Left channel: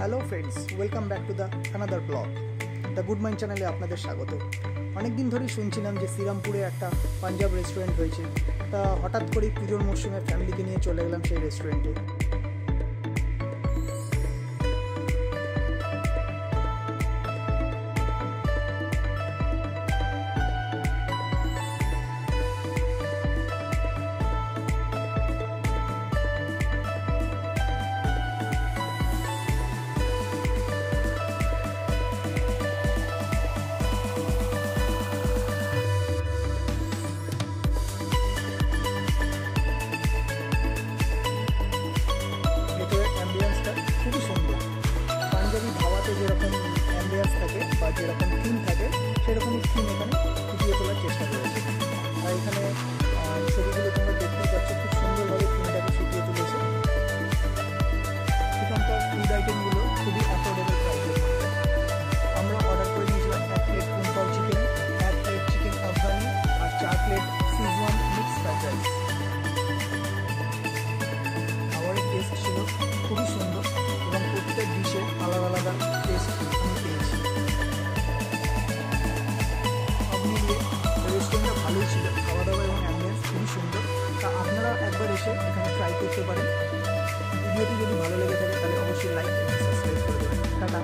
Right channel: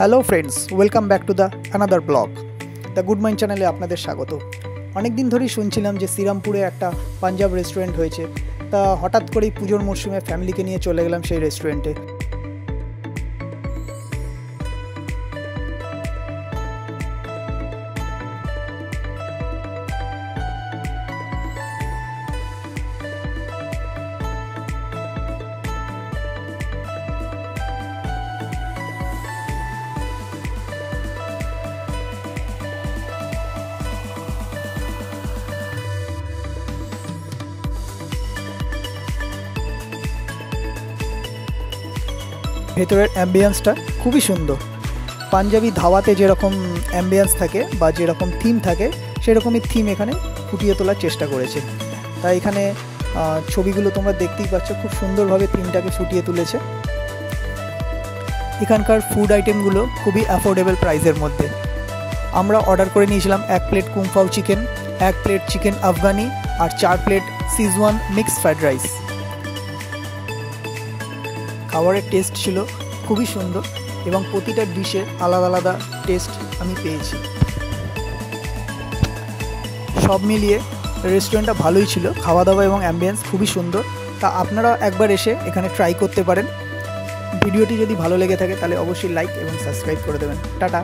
Hello friends, welcome back to the another blog. The good mind চ্যানেলে আপনাদের স্বাগত। অনেক দিন ধরেই শুনছিলাম যে শ্রীরামপুরে একটা পাঞ্জাব রেস্টুরেন্ট হয়েছে। তা হঠাৎ করেই পুজোর মরশুমে ফ্যামিলিকে নিয়ে চলে গেলাম সেই রেস্টুরেন্টে। ভেতরের অ্যাম্বিয়েন্সটা খুবই সুন্দর। পাঞ্জাবি ধাওয়াতে যেরকম অ্যাম্বিয়েন্স থাকে বা যেরকম থিম থাকে, সেরকমই থিম এখানে ফুটিয়ে তোলার চেষ্টা করেছে। তাই এখানে ছবিগুলো তোমরা দেখতেই পাচ্ছ, খুব সুন্দরভাবে থিমটাকে ফুটিয়ে তুলেছে। এখানকার ফুড আইটেমগুলো খুবই অ্যাফোর্ডেবল প্রাইসের মধ্যে। আমরা অর্ডার করে নিয়েছিলাম 1 plate kung pao chicken, 1 plate chicken Afghani আর 4 plate Szechuan mixed fried rice. খাবারের টেস্ট ছিল খুবই সুন্দর এবং প্রতিটা ডিশের আলাদা আলাদা টেস্ট আমি পেয়েছি। সব মিলিয়ে রেস্টুরেন্টটা ভালোই ছিল, খাওয়া দাওয়া এবং অ্যাম্বিয়েন্স খুবই সুন্দর। তা আপনারা একবার এসে এখানে ট্রাই করতে পারেন। ভিডিওটি যদি ভালো লেগে থাকে তাহলে অবশ্যই লাইক এবং সাবস্ক্রাইব করে দেবেন। টাটা।